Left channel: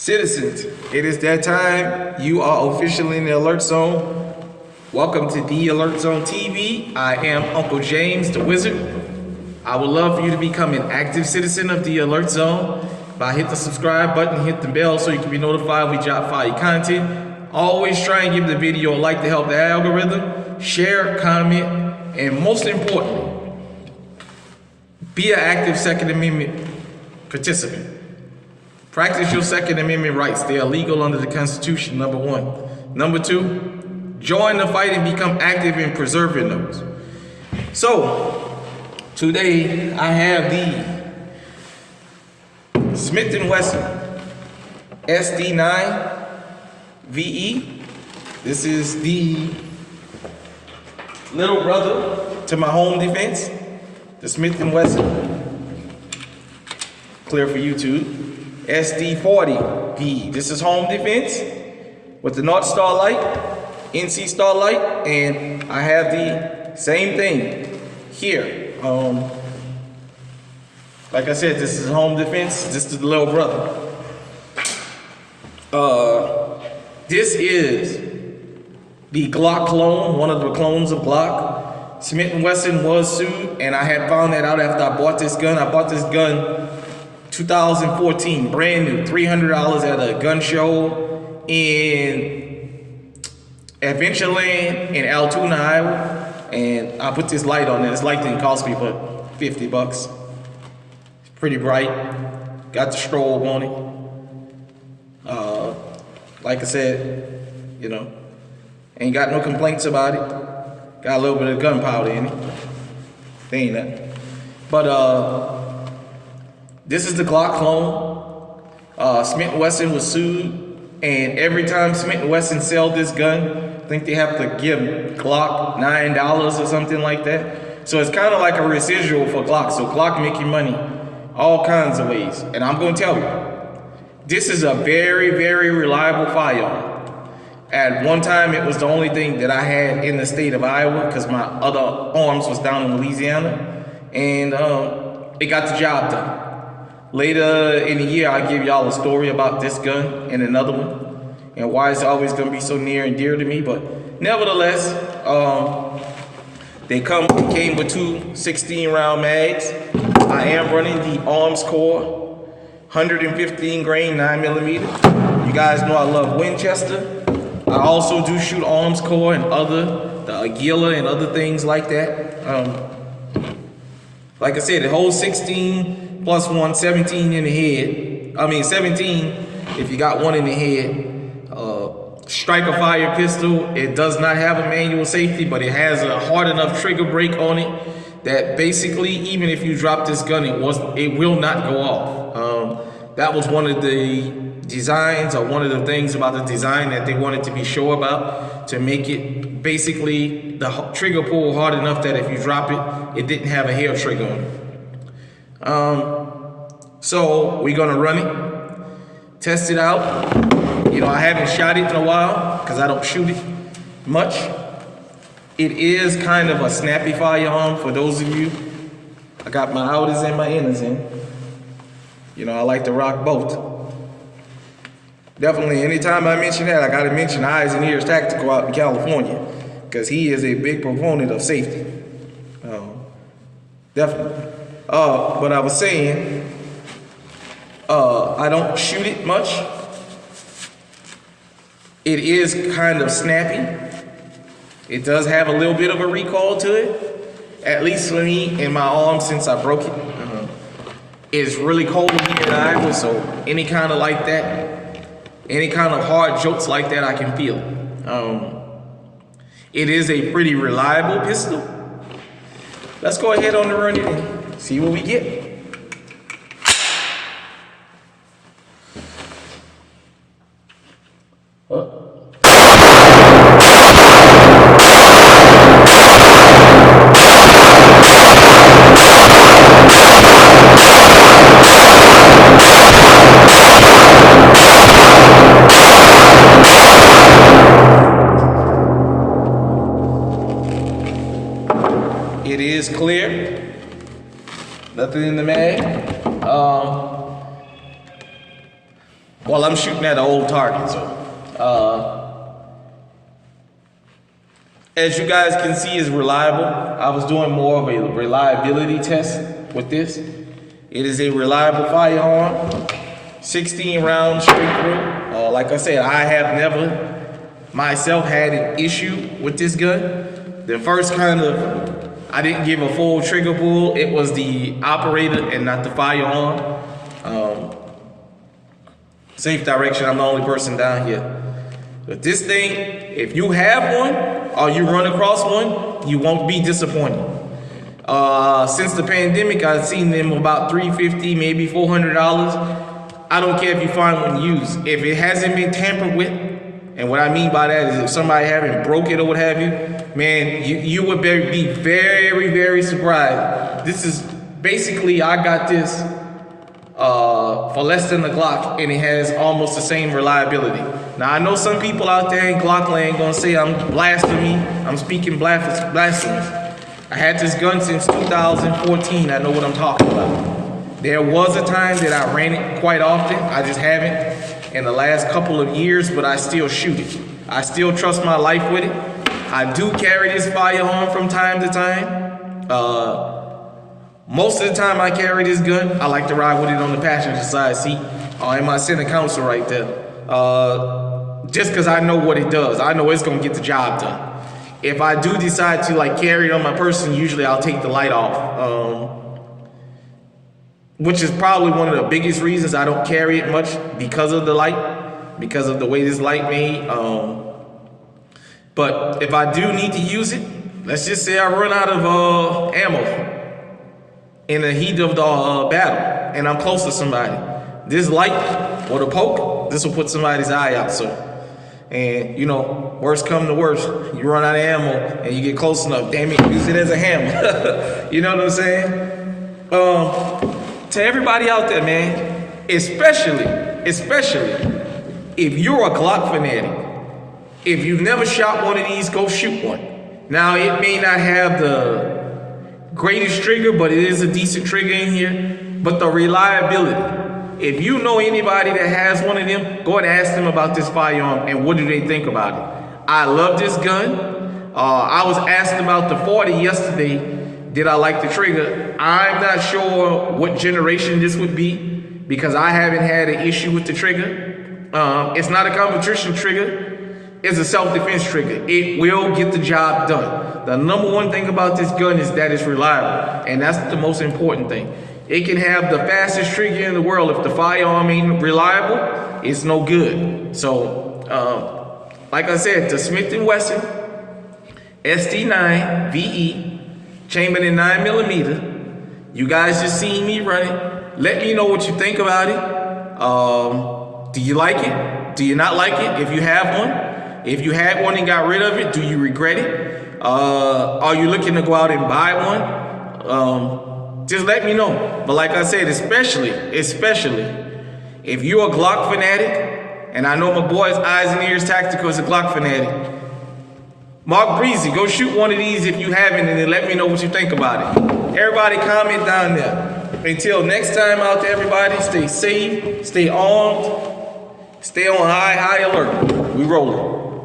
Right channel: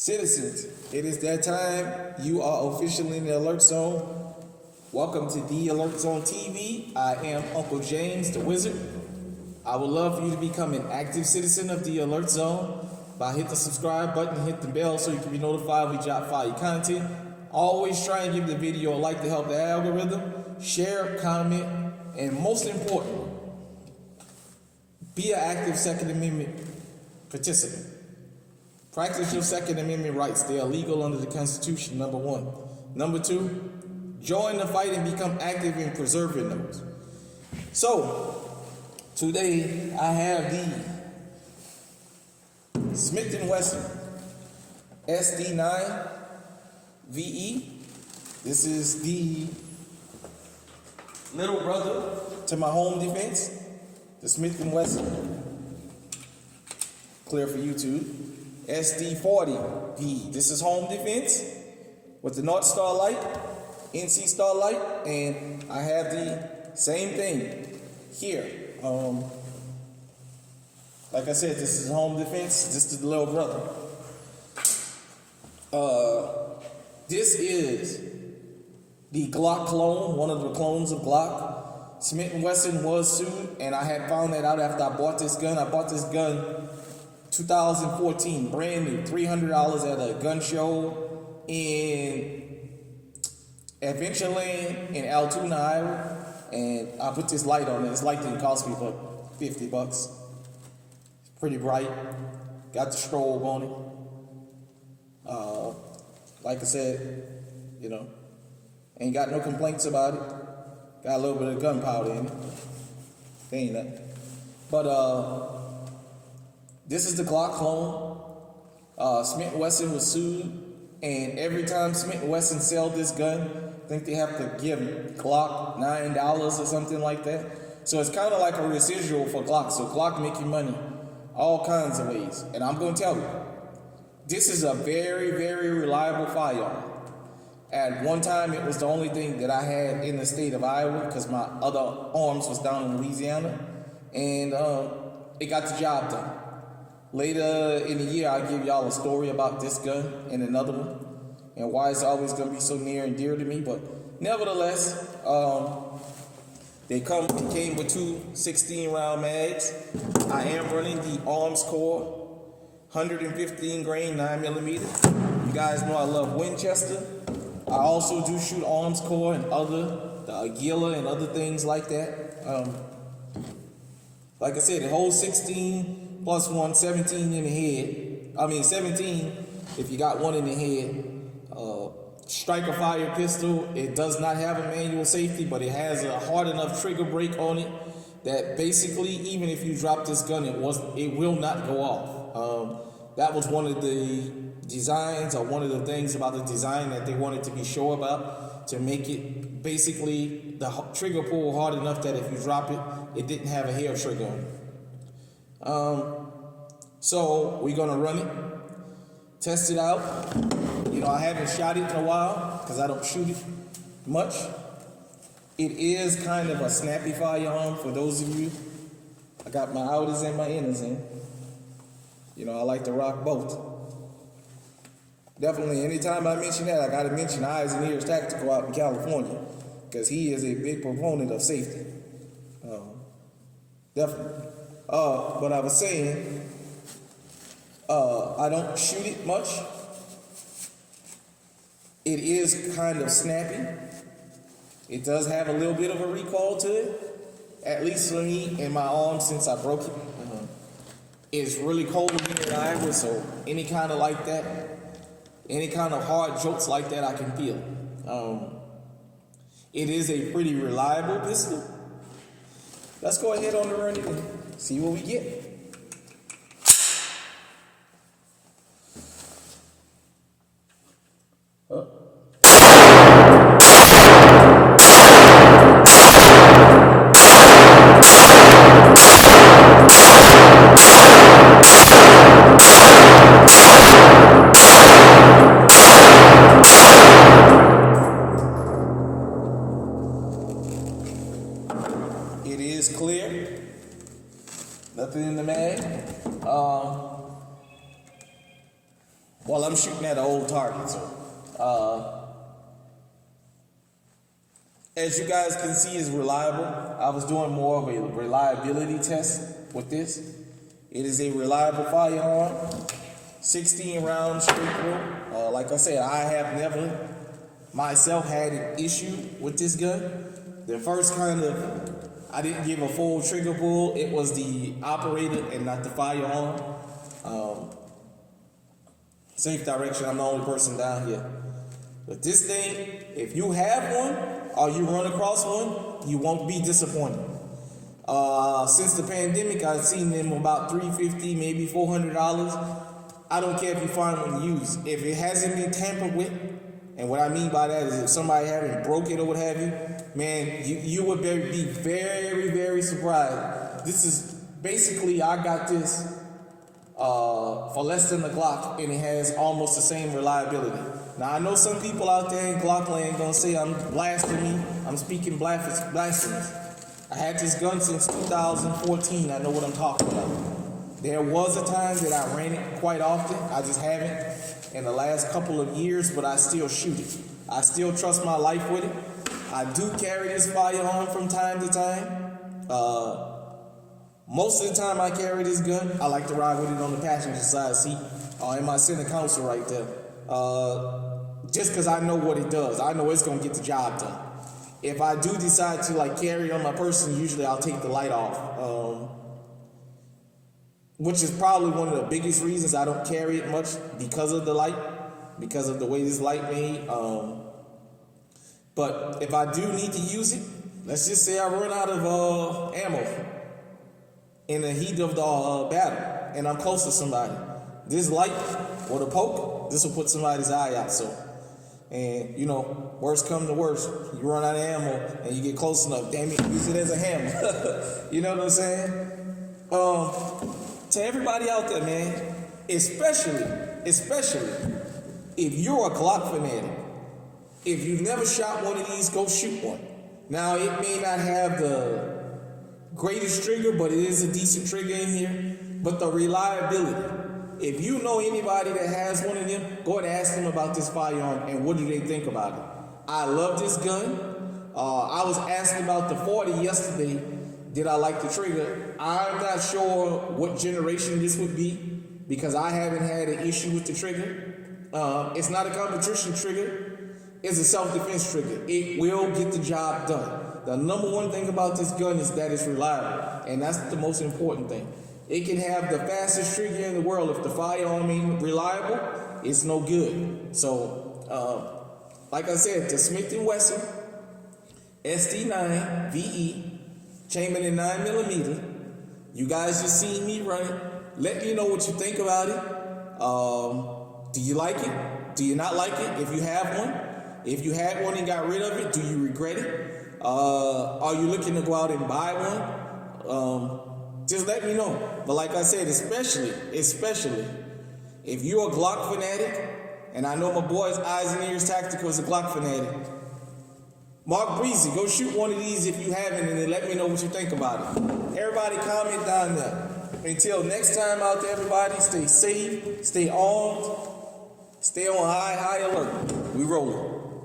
Citizens, it is that time. You are officially in the alert zone. Welcome to the Alert Zone TV. I am Uncle James, the Wizard. I would love for you to become an active citizen of the Alert Zone by hit the subscribe button, hit the bell so you can be notified when we drop fire content. Always try and give the video a like to help the algorithm. Share, comment, and most importantly, be an active Second Amendment participant. Practice your Second Amendment rights. They are legal under the Constitution, number one. Number two, join the fight and become active in preserving those. So, today I have the Smith & Wesson SD9 VE. This is the little brother to my home defense, the Smith & Wesson. Clear for YouTube. SD9 VE. This is home defense with the North Star light, NC Star light, and I have the same thing here. Like I said, this is home defense. This is the little brother. This is the Glock clone, one of the clones of Glock. Smith & Wesson was sued, and I had found that out after I bought this gun. I bought this gun 2014, brand new, $300 at a gun show in Adventureland in Altoona, Iowa. And I put this light on it. This light didn't cost me but 50 bucks. It's pretty bright. Got the strobe on it. Like I said, you know, ain't got no complaints about it. Got a little bit of gunpowder in it. They ain't nothing. But this is the Glock clone. Smith & Wesson was sued, and every time Smith & Wesson sell this gun, I think they have to give Glock $9 or something like that. So it's kind of like a residual for Glock. So Glock making money all kinds of ways. And I'm going to tell you, this is a very, very reliable firearm. At one time, it was the only thing that I had in the state of Iowa because my other arms was down in Louisiana, and it got the job done. Later in the year, I'll give y'all a story about this gun and another one and why it's always going to be so near and dear to me. But nevertheless, they came with two 16-round mags. I am running the Arms Core 115 grain 9mm. You guys know I love Winchester. I also do shoot Arms Core and the Aguila and other things like that. Like I said, it holds 16 plus 1, 17 in the head. I mean 17 if you got one in the head. Striker fire pistol. It does not have a manual safety, but it has a hard enough trigger brake on it that basically, even if you drop this gun, it will not go off. That was one of the designs, or one of the things about the design that they wanted to be sure about, to make it basically the trigger pull hard enough that if you drop it, it didn't have a hair trigger on it. So we're gonna run it, test it out. You know, I haven't shot it in a while because I don't shoot it much. It is kind of a snappy firearm for those of you. I got my outers and my inners in. You know, I like to rock both. Definitely, anytime I mention that, I gotta mention Eyes and Ears Tactical out in California, because he is a big proponent of safety. Definitely. But I was saying, I don't shoot it much. It is kind of snappy. It does have a little bit of a recoil to it, at least for me in my arm since I broke it. It's really cold here in Iowa, so any kind of like that, any kind of hard jolts like that, I can feel it. It is a pretty reliable pistol. Let's go ahead on the run it and see what we get. It is clear. Nothing in the mag. Well, I'm shooting at an old target, so as you guys can see, is reliable. I was doing more of a reliability test with this. It is a reliable firearm, 16 rounds straight through. Like I said, I have never myself had an issue with this gun. The first I didn't give a full trigger pull. It was the operator and not the firearm. Safe direction, I'm the only person down here. But this thing, if you have one or you run across one, you won't be disappointed. Since the pandemic, I've seen them about $350, maybe $400. I don't care if you find one used. If it hasn't been tampered with, and what I mean by that is if somebody haven't broke it or what have you, man, you would be very, very surprised. This is basically, I got this for less than the Glock, and it has almost the same reliability. Now, I know some people out there in Glock land gonna say I'm blasphemy, I'm speaking blasphemous. I had this gun since 2014, I know what I'm talking about. There was a time that I ran it quite often, I just haven't in the last couple of years, but I still shoot it. I still trust my life with it. I do carry this firearm from time to time. Most of the time I carry this gun, I like to ride with it on the passenger side seat or in my center console right there. Just because I know what it does. I know it's gonna get the job done. If I do decide to carry it on my person, usually I'll take the light off. Which is probably one of the biggest reasons I don't carry it much, because of the light, because of the way this light made. But if I do need to use it, let's just say I run out of ammo in the heat of the battle, and I'm close to somebody. This light or the poke, this will put somebody's eye out. So, and worst come to worst, you run out of ammo and you get close enough. Damn it, use it as a hammer. You know what I'm saying? To everybody out there, man, especially if you're a Glock fanatic, if you've never shot one of these, go shoot one. Now, it may not have the greatest trigger, but it is a decent trigger in here. But the reliability, if you know anybody that has one of them, go and ask them about this firearm and what do they think about it. I love this gun. I was asked about the 40 yesterday. Did I like the trigger? I'm not sure what generation this would be because I haven't had an issue with the trigger. It's not a competition trigger. It's a self-defense trigger. It will get the job done. The number one thing about this gun is that it's reliable, and that's the most important thing. It can have the fastest trigger in the world. If the firearm ain't reliable, it's no good. So, like I said, the Smith & Wesson SD9 VE, chambered in 9mm. You guys just seen me run it. Let me know what you think about it. Do you like it? Do you not like it? If you have one. If you had one and got rid of it, do you regret it? Are you looking to go out and buy one? Just let me know. But like I said, especially if you're a Glock fanatic, and I know my boy's Eyes and Ears Tactical is a Glock fanatic, Mark Breezy, go shoot one of these if you haven't, and then let me know what you think about it. Everybody comment down there. Until next time out there, everybody, stay safe, stay armed, stay on high alert. We rolling.